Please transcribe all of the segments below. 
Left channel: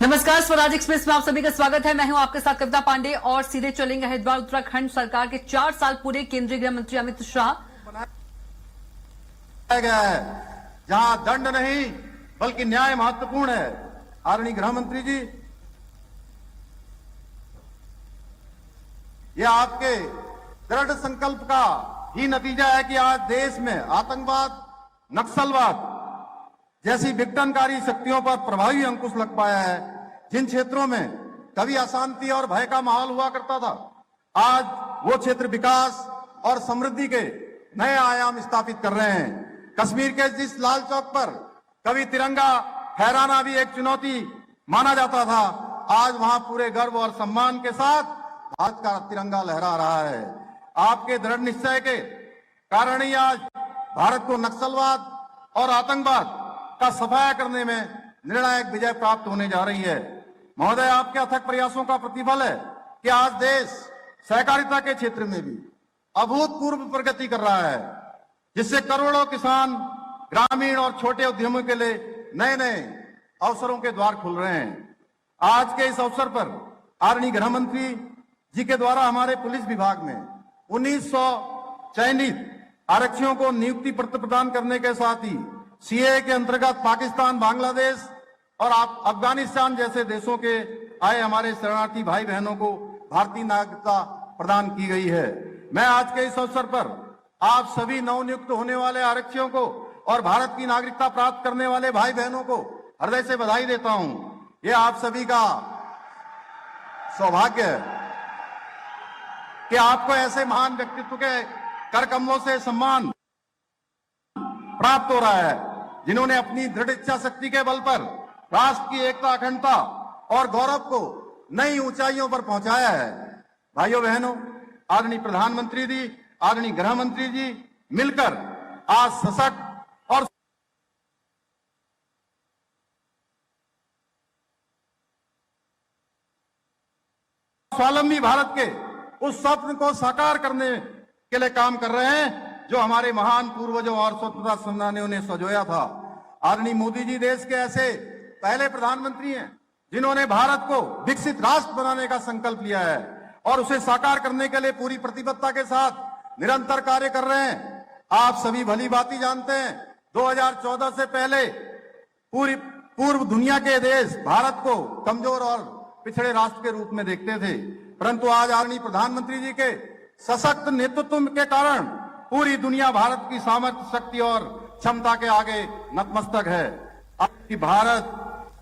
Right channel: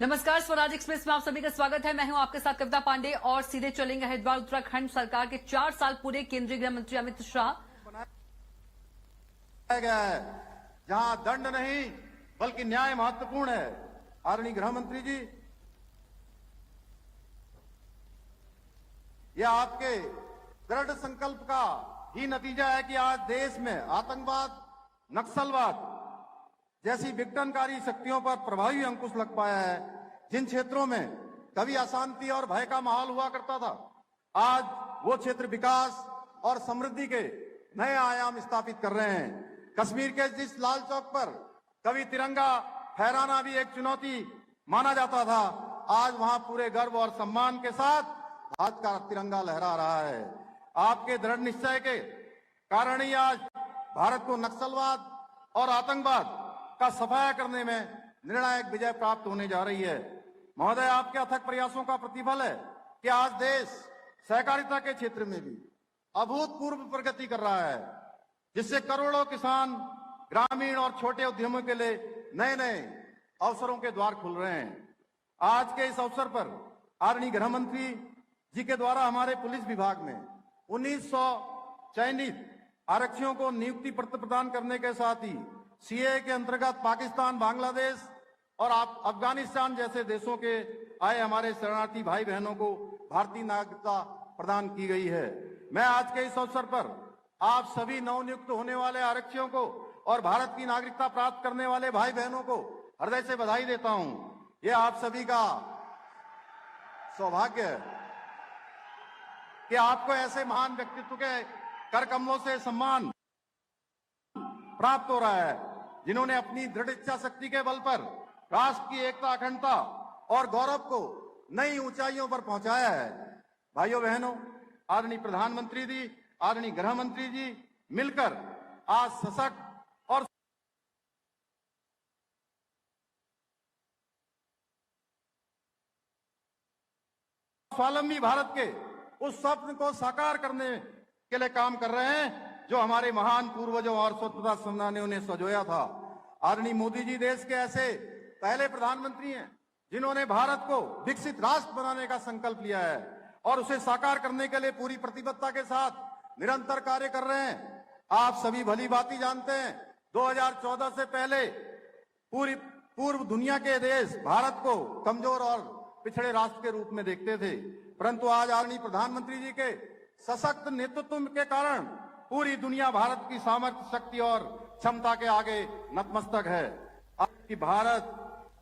नमस्कार, स्वराज एक्सप्रेस में आप सभी का स्वागत है। मैं हूं आपके साथ कविता पांडे और सीधे चलेंगे हरिद्वार। उत्तराखंड सरकार के 4 साल पूरे केंद्रीय गृह मंत्री अमित शाह बनाया गया है जहां दंड नहीं बल्कि न्याय महत्वपूर्ण है। आदरणीय गृह मंत्री जी, यह आपके दृढ़ संकल्प का ही नतीजा है कि आज देश में आतंकवाद, नक्सलवाद जैसी विघटनकारी शक्तियों पर प्रभावी अंकुश लग पाया है। जिन क्षेत्रों में कभी अशांति और भय का माहौल हुआ करता था, आज वो क्षेत्र विकास और समृद्धि के नए आयाम स्थापित कर रहे हैं। कश्मीर के जिस लाल चौक पर कभी तिरंगा फहराना भी एक चुनौती माना जाता था, आज वहां पूरे गर्व और सम्मान के साथ भारत का तिरंगा लहरा रहा है। आपके दृढ़ निश्चय के कारण ही आज भारत को नक्सलवाद और आतंकवाद का सफाया करने में निर्णायक विजय प्राप्त होने जा रही है। महोदय, आपके अथक प्रयासों का प्रतिफल है कि आज देश सहकारिता के क्षेत्र में भी अभूतपूर्व प्रगति कर रहा है, जिससे करोड़ों किसान, ग्रामीण और छोटे उद्यमों के लिए नए नए अवसरों के द्वार खुल रहे हैं। आज के इस अवसर पर आदरणीय गृह मंत्री जी के द्वारा हमारे पुलिस विभाग में 1900 चयनित आरक्षियों को नियुक्ति पत्र प्रदान करने के साथ ही सीए के अंतर्गत पाकिस्तान, बांग्लादेश और अफगानिस्तान जैसे देशों के आए हमारे शरणार्थी भाई बहनों को भारतीय नागरिकता प्रदान की गई है। मैं आज के इस अवसर पर आप सभी नवनियुक्त होने वाले आरक्षियों को और भारत की नागरिकता प्राप्त करने वाले भाई बहनों को हृदय से बधाई देता हूं। ये आप सभी का सौभाग्य है कि आपको ऐसे महान व्यक्तित्व के कर कमलों से सम्मान प्राप्त हो रहा है, जिन्होंने अपनी दृढ़ इच्छा शक्ति के बल पर राष्ट्र की एकता, अखंडता और गौरव को नई ऊंचाइयों पर पहुंचाया है। भाइयों बहनों, आदरणीय प्रधानमंत्री जी, आदरणीय गृह मंत्री जी मिलकर आज सशक्त और स्वावलंबी भारत के उस स्वप्न को साकार करने के लिए काम कर रहे हैं जो हमारे महान पूर्वजों और स्वतंत्रता सेनानियों ने सजोया था। आदरणीय मोदी जी देश के ऐसे पहले प्रधानमंत्री हैं जिन्होंने भारत को विकसित राष्ट्र बनाने का संकल्प लिया है और उसे साकार करने के लिए पूरी प्रतिबद्धता के साथ निरंतर कार्य कर रहे हैं। आप सभी भली भांति जानते हैं, 2014 से पहले पूर्व दुनिया के देश भारत को कमजोर और पिछड़े राष्ट्र के रूप में देखते थे, परंतु आज आदरणीय प्रधानमंत्री जी के सशक्त नेतृत्व के कारण पूरी दुनिया भारत की सामर्थ्य, शक्ति और क्षमता के आगे नतमस्तक है। आज भारत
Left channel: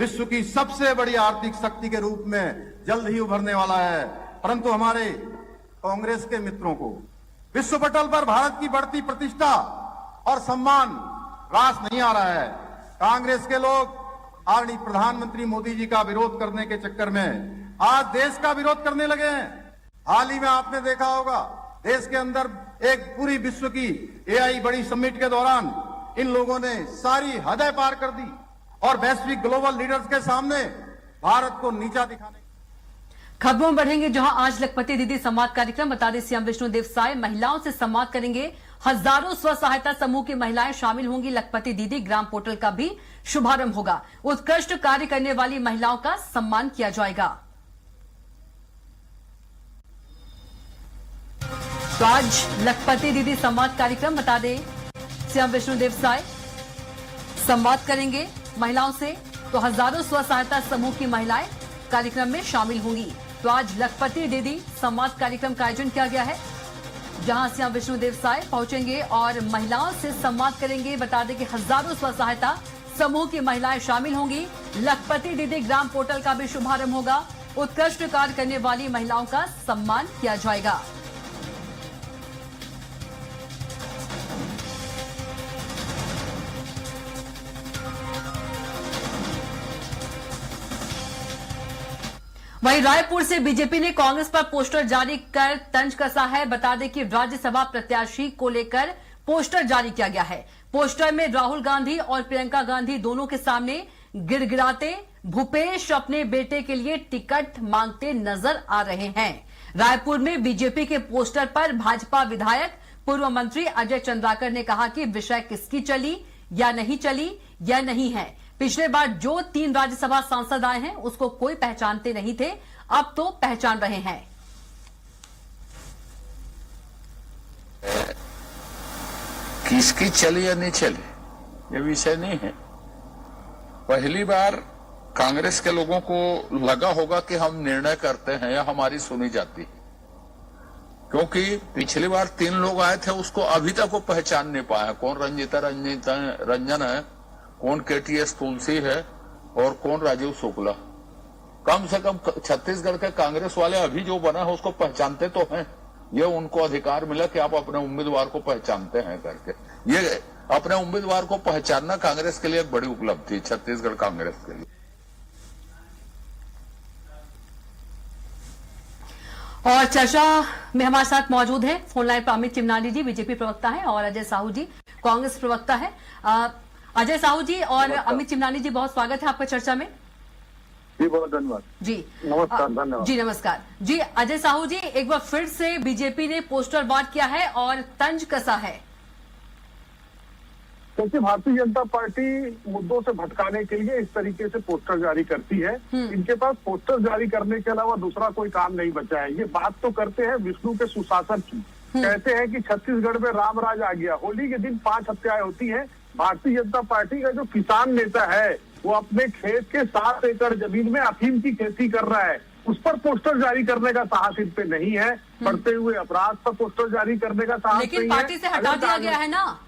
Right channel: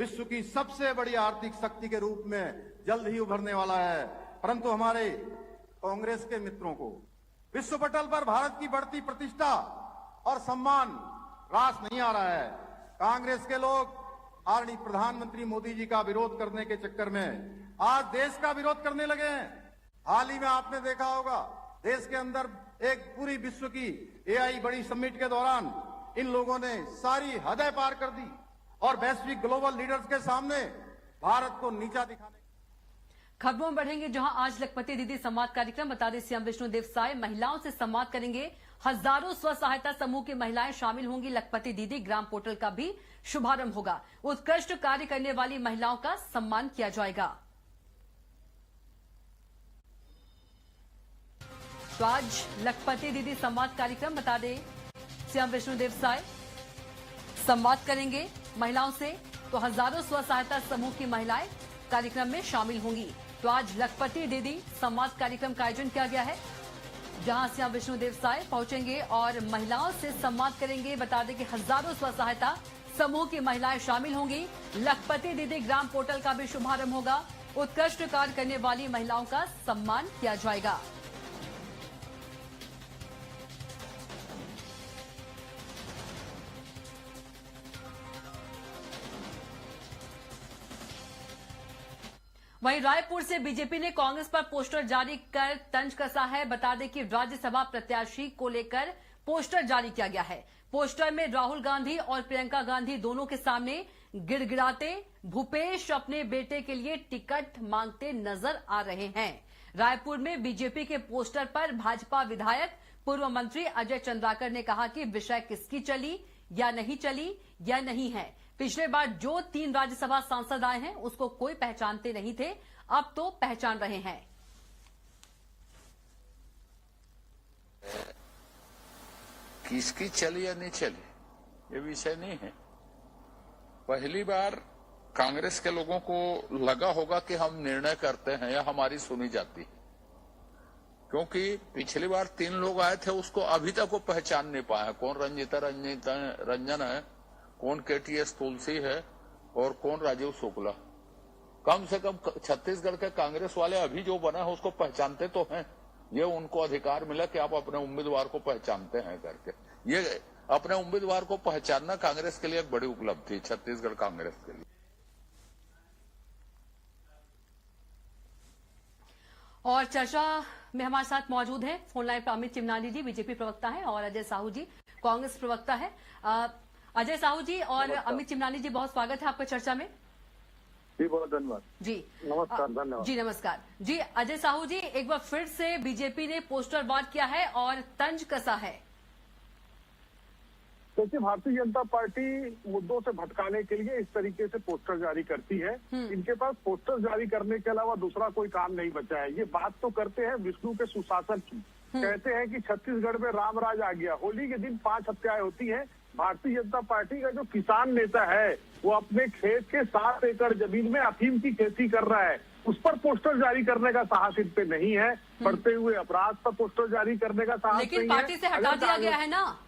विश्व की सबसे बड़ी आर्थिक शक्ति के रूप में जल्द ही उभरने वाला है, परंतु हमारे कांग्रेस के मित्रों को विश्व पटल पर भारत की बढ़ती प्रतिष्ठा और सम्मान रास नहीं आ रहा है। कांग्रेस के लोग आदरणीय प्रधानमंत्री मोदी जी का विरोध करने के चक्कर में आज देश का विरोध करने लगे हैं। हाल ही में आपने देखा होगा, देश के अंदर एक पूरी विश्व की एआई बड़ी समिट के दौरान इन लोगों ने सारी हदें पार कर दी और वैश्विक ग्लोबल लीडर्स के सामने भारत को नीचा दिखाने। खबरों में बढ़ेंगे, जहां आज लखपति दीदी संवाद कार्यक्रम। बता दें, सीएम विष्णुदेव साय महिलाओं से संवाद करेंगे। हजारों स्व सहायता समूह की महिलाएं शामिल होंगी। लखपति दीदी ग्राम पोर्टल का भी शुभारंभ होगा। उत्कृष्ट कार्य करने वाली महिलाओं का सम्मान किया जाएगा। तो आज लखपति दीदी संवाद कार्यक्रम, बता दें सीएम विष्णुदेव साय संवाद करेंगे महिलाओं से, तो हजारों स्व सहायता समूह की महिलाएं कार्यक्रम में शामिल होंगी। तो आज लखपति दीदी संवाद कार्यक्रम का आयोजन किया गया है, जहां सीएम विष्णुदेव साय पहुंचेंगे और महिलाओं से संवाद करेंगे। बता दें कि हजारों स्व सहायता समूह की महिलाएं शामिल होंगी। लखपति दीदी ग्राम पोर्टल का भी शुभारंभ होगा। उत्कृष्ट कार्य करने वाली महिलाओं का सम्मान किया जाएगा। वहीं रायपुर से बीजेपी ने कांग्रेस पर पोस्टर जारी कर तंज कसा है। बता दें कि राज्यसभा प्रत्याशी को लेकर पोस्टर जारी किया गया है। पोस्टर में राहुल गांधी और प्रियंका गांधी दोनों के सामने गिड़गिड़ाते भूपेश अपने बेटे के लिए टिकट मांगते नजर आ रहे हैं। रायपुर में बीजेपी के पोस्टर पर भाजपा विधायक पूर्व मंत्री अजय चंद्राकर ने कहा कि विषय किसकी चली या नहीं चली यह नहीं है, पिछले बार जो 3 राज्यसभा सांसद आए हैं उसको कोई पहचानते नहीं थे, अब तो पहचान रहे हैं। किसकी चली या नहीं चली ये विषय नहीं है। पहली बार कांग्रेस के लोगों को लगा होगा कि हम निर्णय करते हैं या हमारी सुनी जाती, क्योंकि पिछली बार 3 लोग आए थे, उसको अभी तक वो पहचान नहीं पाया कौन रंजन है, कौन केटीएस तुलसी है और कौन राजीव शुक्ला। कम से कम छत्तीसगढ़ के कांग्रेस वाले अभी जो बना है उसको पहचानते तो हैं। ये उनको अधिकार मिला कि आप अपने उम्मीदवार को पहचानते हैं करके। ये अपने उम्मीदवार को पहचानना कांग्रेस के लिए एक बड़ी उपलब्धि, छत्तीसगढ़ कांग्रेस के लिए। और चर्चा में हमारे साथ मौजूद है फोन लाइन पर अमित चिमनानी जी, बीजेपी प्रवक्ता है, और अजय साहू जी, कांग्रेस प्रवक्ता है। अजय साहू जी और अमित चिमनानी जी, बहुत स्वागत है आपका चर्चा में। जी बहुत धन्यवाद जी नमस्कार। धन्यवाद जी नमस्कार जी। अजय साहू जी, एक बार फिर से बीजेपी ने पोस्टर वार किया है और तंज कसा है। क्योंकि भारतीय जनता पार्टी मुद्दों से भटकाने के लिए इस तरीके से पोस्टर जारी करती है। इनके पास पोस्टर जारी करने के अलावा दूसरा कोई काम नहीं बचा है। ये बात तो करते हैं विष्णु के सुशासन की, कहते हैं कि छत्तीसगढ़ में राम राज आ गया। होली के दिन 5 हत्याएं होती हैं। भारतीय जनता पार्टी का जो किसान नेता है वो अपने खेत के 7 एकड़ जमीन में अफीम की खेती कर रहा है, उस पर पोस्टर जारी करने का साहस इन पे नहीं है। बढ़ते हुए अपराध पर पोस्टर जारी करने का साहस नहीं है। लेकिन पार्टी से हटा दिया गया है ना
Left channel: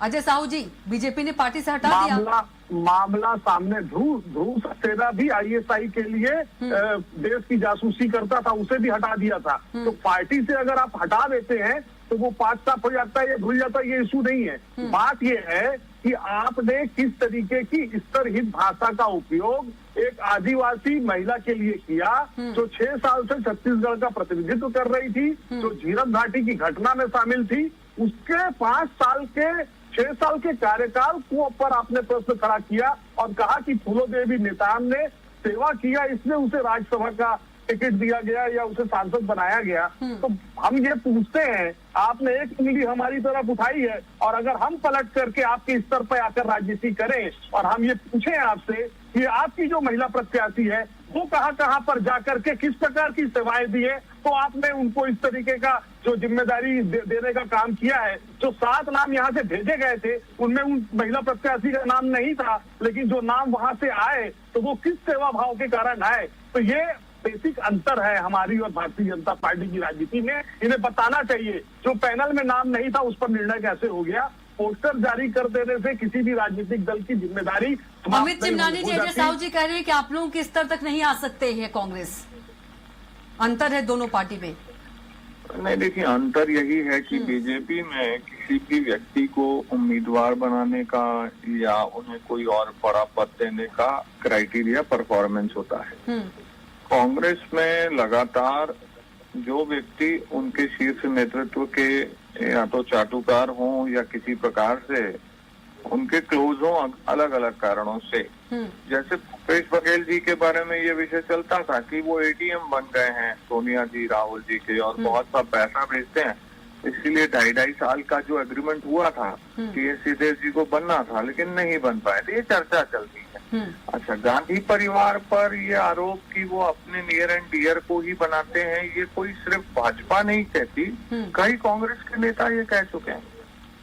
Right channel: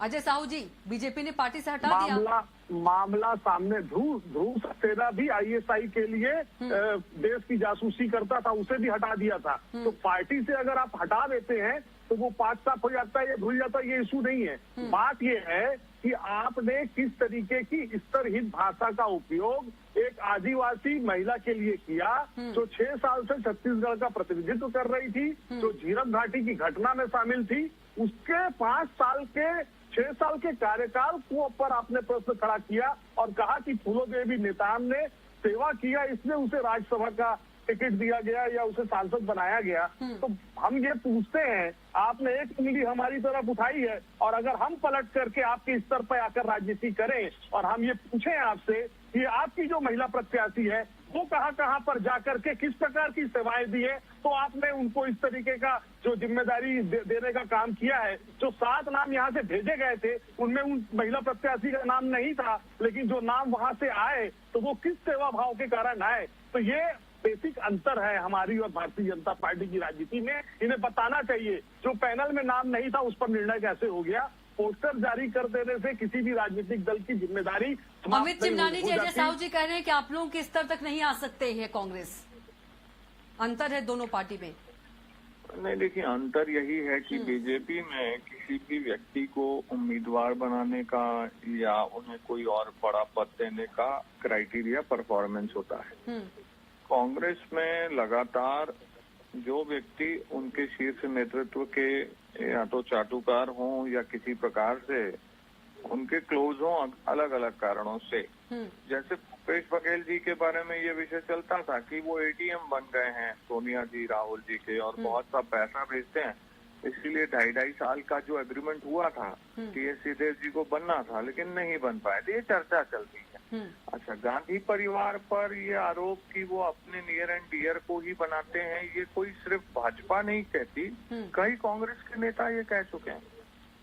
अजय साहू जी, बीजेपी ने पार्टी से हटा दिया। मामला सामने ध्रुव सक्सेना भी आईएसआई के लिए देश की जासूसी करता था, उसे भी हटा दिया था। तो पार्टी से अगर आप हटा देते हैं तो वो पार्ट साफ हो जाता है या धुल जाता है, ये इशू नहीं है। बात ये है कि आपने किस तरीके की स्तरहीन भाषा का उपयोग एक आदिवासी महिला के लिए किया जो 6 साल से छत्तीसगढ़ का प्रतिनिधित्व कर रही थी, जो झीरम घाटी की घटना में शामिल थी। उसके 6 साल के कार्यकाल को पर आपने प्रश्न खड़ा किया और कहा कि फूलोदेवी नेताम ने सेवा किया, इसलिए उसे राज्यसभा का टिकट दिया गया या उसे सांसद बनाया गया। तो हम ये पूछते हैं, आपने एक उंगली हमारी तरफ उठाई है और अगर हम पलट करके आपके स्तर पर आकर राजनीति करें और हम ये पूछें आपसे कि आपकी जो महिला प्रत्याशी है वो कहाँ पर जाकर के किस प्रकार की सेवाएं दी है, तो आपने उनको इस तरीके का जो जिम्मेदारी देने का काम किया है। जो 7 नाम यहाँ से भेजे गए थे उनमें उन महिला प्रत्याशी का नाम नहीं था, लेकिन जो नाम वहां से आए तो वो किस सेवा भाव के कारण आए। तो ये बेसिक अंतर है हमारी और भारतीय जनता पार्टी की राजनीति में। इन्हें बताना चाहिए जो पैनल में नाम नहीं था उस पर निर्णय कैसे हो गया। पोस्टर जारी कर देने से किसी भी राजनीतिक दल की जिम्मेदारी। अमित चिमनानी जी, अजय साहू जी कह रहे हैं कि आप लोगों के स्तर तक नहीं आ सकते हैं कांग्रेस, अंतर है दोनों पार्टी में। नहीं, देखिए अंतर यही है कि बीजेपी में किसी भी व्यक्ति को उम्मीदवार बनाने का या उन्हें कोई और बड़ा पद देने का क्राइटेरिया परफॉर्मेंस होता है। कांग्रेस में लगातार जो व्यक्ति उनके शीर्ष नेतृत्व के या तो चाटुकार हों या किसी प्रकार से उनके क्लोज हों अलग अलग कारणों से, जैसे भूपेश बघेल जी के बारे में ये विषय चलता था कि वो एटीएम बन गए हैं सोनिया जी राहुल जी के और बहुत सा पैसा भेजते हैं, इसीलिए 2.5 साल का जो एग्रीमेंट हुआ था कि ये सीधे जी को बनना था लेकिन नहीं बन पाए थे। ये चर्चा चलती है। अच्छा, गांधी परिवार पर ये आरोप कि वो अपने नियर एंड डियर को ही बनाते हैं, ये कोई सिर्फ भाजपा नहीं कहती, कई कांग्रेस के नेता ये कह चुके हैं।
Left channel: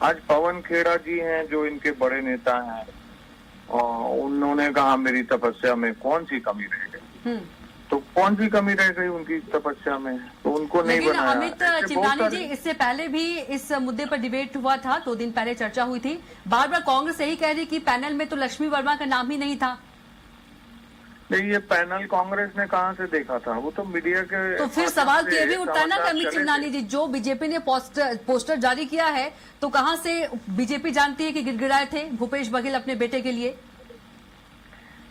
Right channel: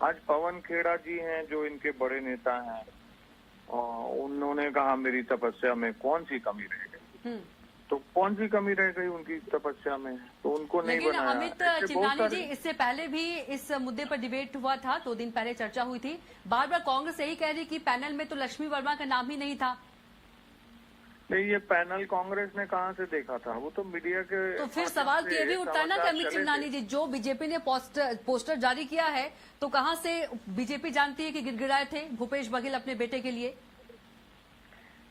आज पवन खेड़ा जी हैं जो इनके बड़े नेता हैं, उन्होंने कहा मेरी तपस्या में कौन सी कमी रह गई। तो कौन सी कमी रह गई उनकी तपस्या में, तो उनको नहीं बनाया। अमित चिमनानी जी, इससे पहले भी इस मुद्दे पर डिबेट हुआ था, 2 दिन पहले चर्चा हुई थी। बार बार कांग्रेस यही कह रही कि पैनल में तो लक्ष्मी वर्मा का नाम ही नहीं था। नहीं, ये पैनल कांग्रेस ने कहाँ से देखा था, वो तो मीडिया के। तो फिर सवाल तो ये भी उठता ना अमित चिमनानी जी, जो बीजेपी ने पोस्टर जारी किया है तो कहाँ से बीजेपी जानती है कि गिड़गिड़ाए थे भूपेश बघेल अपने बेटे के लिए।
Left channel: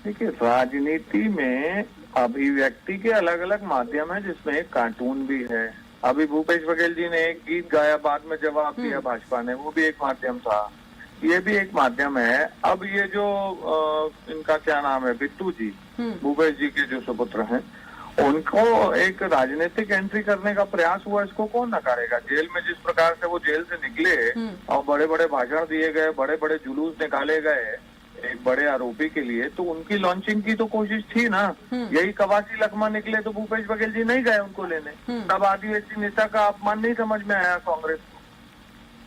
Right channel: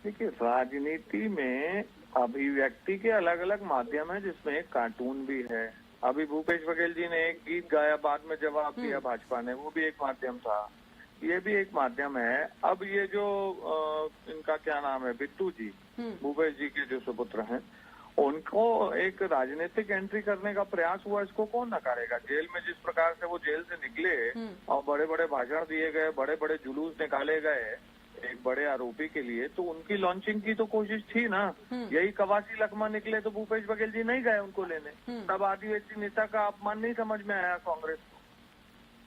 देखिए, राजनीति में अभिव्यक्ति के अलग अलग माध्यम है, जिसमें एक कार्टून भी है। अभी भूपेश बघेल जी ने एक गीत गाया, बाद में जवाब दिया भाजपा ने, वो भी एक माध्यम था, ये भी एक माध्यम है। अब ये जो इनका क्या नाम है, बिट्टू जी, भूपेश जी के जो सुपुत्र हैं, उनको एक राजनीतिक एंट्री करने का प्रयास हुआ, इसको कौन नकारेगा। जेल में जिस प्रकार से वो जेल से निकले और बड़े बड़े भाषण दिए गए, बड़े बड़े जुलूस निकाले गए, एक बड़े आरोपी के लिए, तो उनकी लॉन्चिंग की तो कोशिश थी ना। यही कवासी लखमा निकले तो भूपेश बघेल जी नहीं गए उनको लेने, तब आदिवासी नेता का अपमान नहीं समझ में आया कांग्रेस को।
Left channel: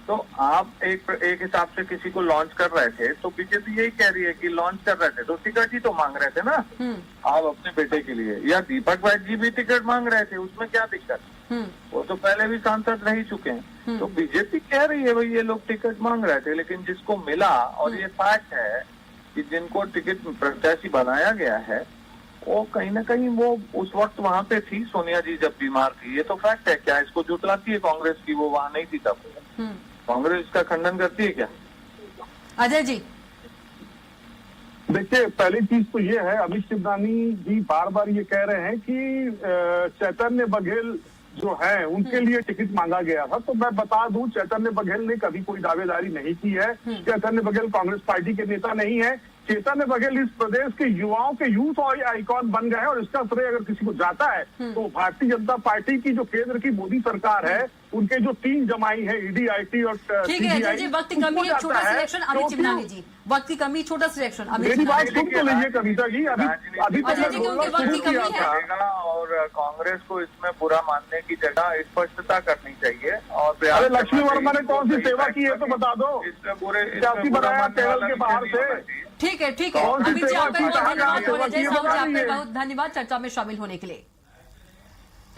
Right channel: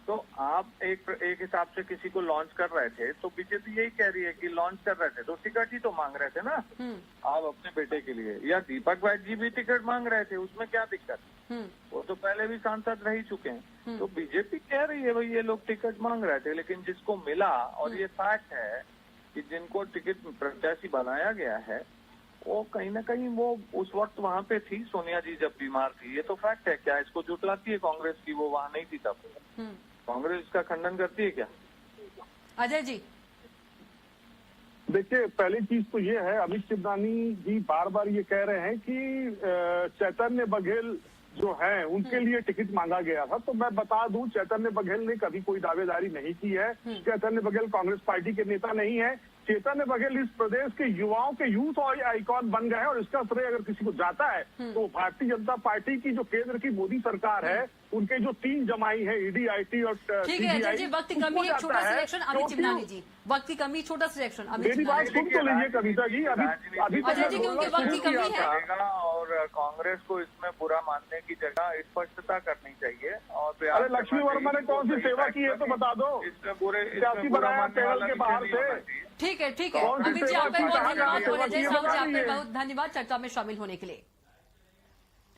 तो आप एक हिसाब से किसी को लॉन्च कर रहे थे, तो बीजेपी यही कह रही है कि लॉन्च कर रहे थे तो टिकट ही तो मांग रहे थे ना आप अपने बेटे के लिए, या दीपक वैद्य जी भी टिकट मांग रहे थे, उसमें क्या दिक्कत? वो तो पहले भी सांसद रह ही चुके हैं। तो बीजेपी कह रही है भाई ये लोग टिकट मांग रहे थे, लेकिन जिसको मिला, और ये फैक्ट है कि जिनको टिकट प्रत्याशी बनाया गया है वो कहीं ना कहीं वो उस वक्त वहां पे थी, सोनिया जी जब बीमार थी। ये तो फैक्ट है। क्या इसको जुटलाती है कांग्रेस की वो वहां नहीं थी तब? कांग्रेस इसका खंडन करती है क्या? अजय जी, देखिए, पहली चीज तो ये है, अमित शिवदानी जी बार बार ये कह रहे हैं कि चैतन्य बघेल जो है उनके लिए टिकट मांगा गया था। तो मैं बता दूं, चैतन्य बघेल ने कभी कोई दावेदारी नहीं की है। चैतन्य बघेल कांग्रेस पार्टी के नेता नहीं है। चैतन्य बघेल इस प्रदेश के युवाओं के यूथ और आइकॉन बन गए हैं, और इसका श्रेय अगर किसी को जाता है तो भारतीय जनता पार्टी की जो केंद्र की मोदी सरकार है, उनके जो 3 जमाई है, ईडी, आईटी और ठीक है अजय जी, वक्त की कमी है, छोटा सिलेक्शन अमित चिमनानी जी, वक्त की कमी, छोटा सिलेक्शन अमित मेरी बात चिमनानी सुन तो लीजिए कविता जी। अभी अजय जी, क्योंकि वक्त की कमी है। और कांग्रेस को इसमें बुरा मानने की जगह स्पष्टता करनी चाहिए। और अरे लक्ष्मी वर्मा ने कौन सी सेवा की है तो बता दो। इसमें बुरे सियासी बनाया पैनल के बाहर से। ठीक है, ठीक है कौन सी अमित जी, सेवा आपका की बहुत है? धन्यवाद और अजय साहू जी, बताइए। आपका बहुत धन्यवाद चर्चा में शामिल होने के लिए।